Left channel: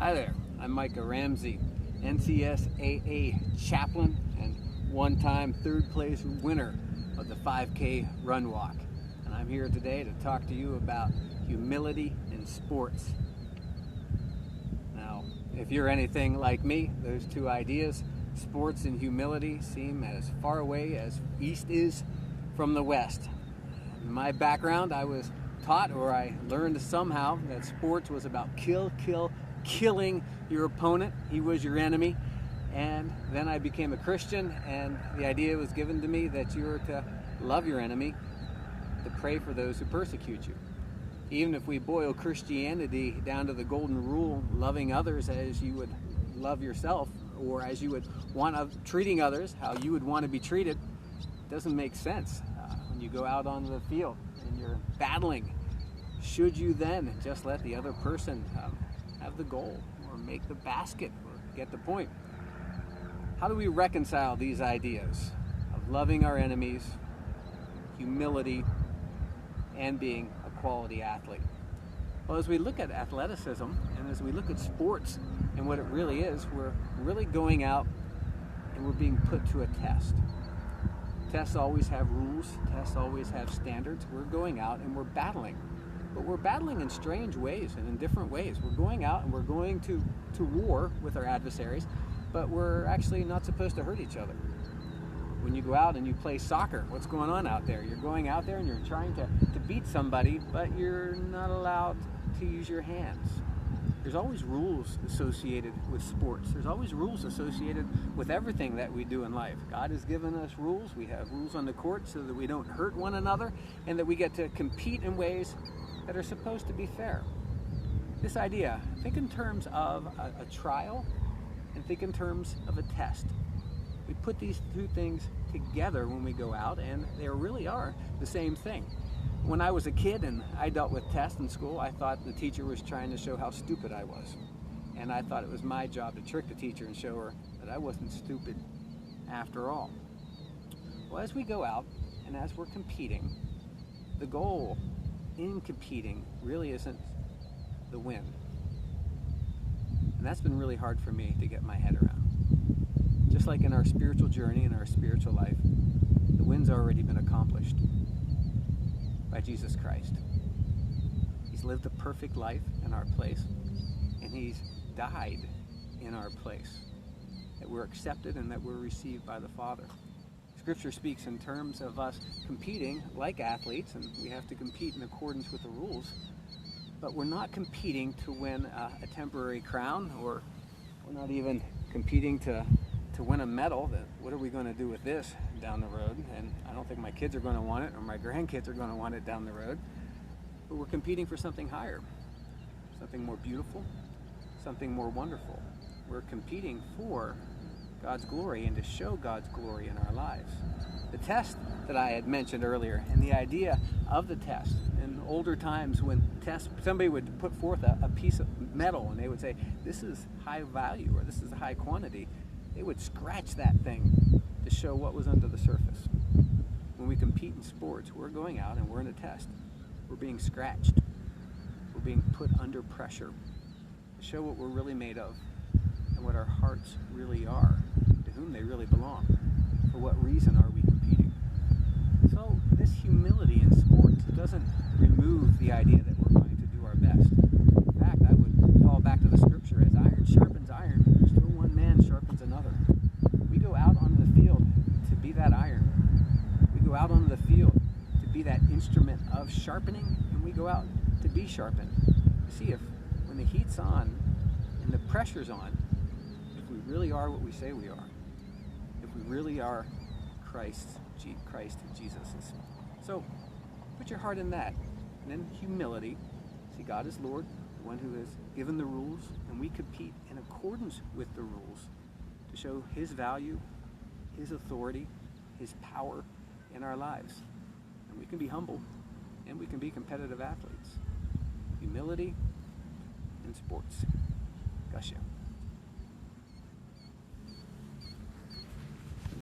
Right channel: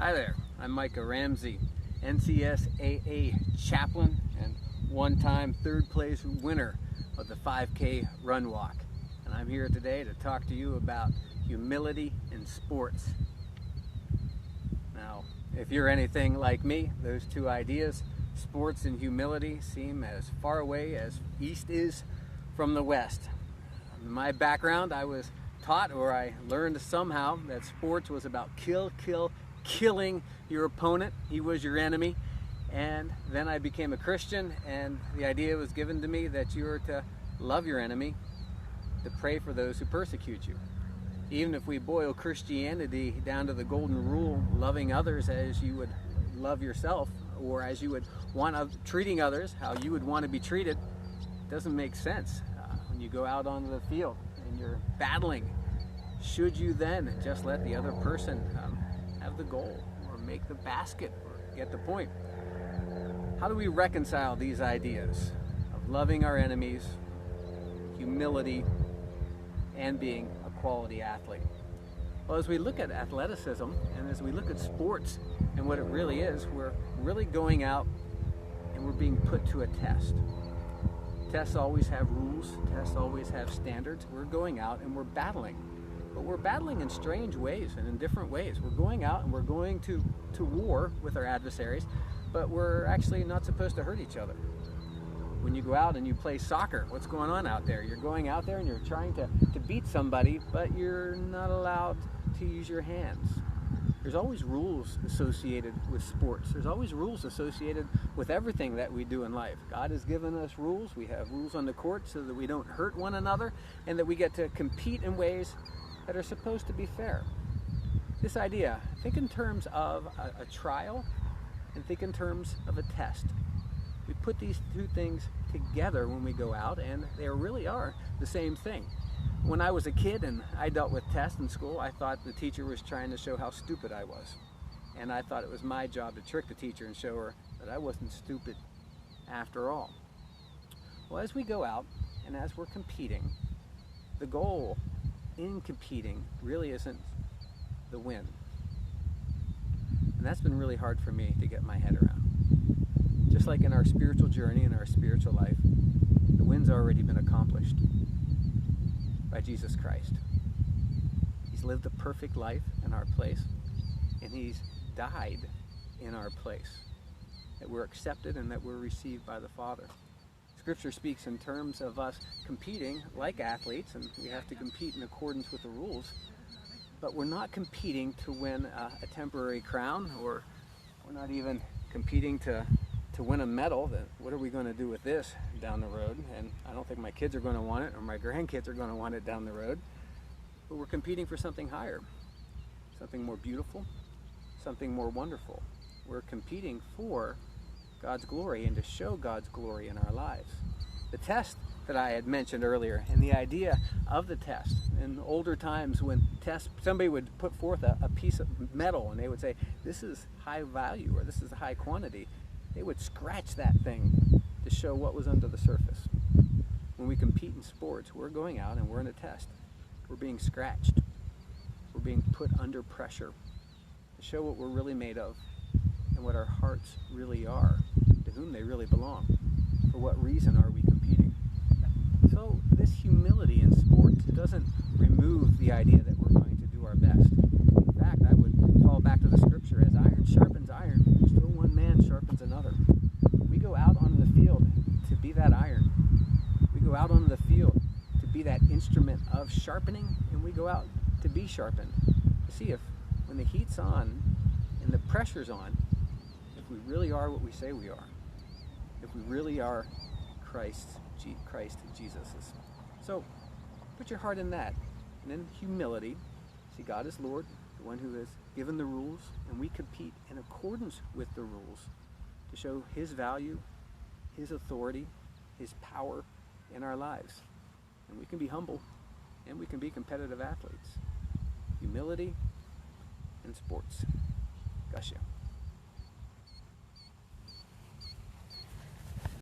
Hi there, I'm Micah Ramsey, NCSAA chaplain and one-time third place winner of the 5K Run Walk. And I'm here today to talk to you about humility in sports. Now, if you're anything like me, those two ideas, sports and humility, seem as far away as East is from the West. In my background, I was taught, or I learned somehow, that sports was about killing your opponent. He was your enemy. And then I became a Christian, and the idea was given to me that you are to love your enemy, to pray for those who persecute you. Even if we boil Christianity down to the golden rule, loving others as you would love yourself, or as you would want, treating others how you would want to be treated, it doesn't make sense. When you go out onto the field and you're battling, should you then just let the other person have the goal, or make the basket, or get the point? How do we reconcile these ideas of loving our enemies, humility, and being a quality athlete? Well, as we look at athleticism and as we look at sports and what it really is, we're really going out and we're being put to a test. Tests always have rules, tests always have standards. We're going out and we're battling. But we're battling in strange ways and in different ways. We're going out and we're going to war with our adversaries, but we're actually not supposed to hurt each other. When you go out and you play soccer, what's going on out there? You're going out there and you're trying to beat somebody, but you're not allowed to use your hands. There's always rules associated with sports. There's always rules associated with everything that we do in life. God has given us rules. We have rules on the court so that we don't hurt one another and that we get to compete in ways that are supposed to be fair. This idea, think in terms of a trial and think in terms of a test. We put these two things together when we go out, and they really are the same thing. When I was a kid and I dealt with tests in school, I thought the teacher was trying to show how stupid I was. And I thought it was my job to trick the teacher and show her that I wasn't stupid after all. Well, as we go out and as we're competing, the goal in competing really isn't the win. And that's been really hard for me to get my head around. Just like in our spiritual journey, in our spiritual life, the win's already been accomplished by Jesus Christ. He's lived a perfect life in our place, and He's died in our place, that we're accepted and that we're received by the Father. Scripture speaks in terms of us competing like athletes, and we have to compete in accordance with the rules, but we're not competing to win a temporary crown, or we're not even competing to win a medal. That what are we going to do with this down the road? And I don't think my kids are going to want it, or my grandkids are going to want it down the road. But we're competing for something higher, something more beautiful, something more wonderful. We're competing for God's glory and to show God's glory in our lives. The test that I had mentioned earlier, and the idea of the test. In older times when somebody would put forth a piece of metal and they would say, this is high value, or this is a high quantity, they would scratch that thing to show what was under the surface. When we compete in sports, we're going out and we're in a test. We're being scratched. We're being put under pressure to show what we're really made of and what our hearts really are, to whom they really belong. For what reason are we competing? So this humility in sports, it doesn't remove the idea that we're going to do our best. In fact, I would fall back to the scripture, as iron sharpens iron, still one man sharpens another. We go out onto the field to be that iron. We go out onto the field to be that instrument of sharpening, and we go out to be sharpened. To see if when the heat's on and the pressure's on, if we really are what we say we are, if we really are Christ Jesus. So put your heart in that, and then humility. See God as Lord, the one who has given the rules, and we compete in accordance with the rules to show His value, His authority, His power in our lives. And we can be humble, and we can be competitive athletes. Humility in sports. Gosh, yeah.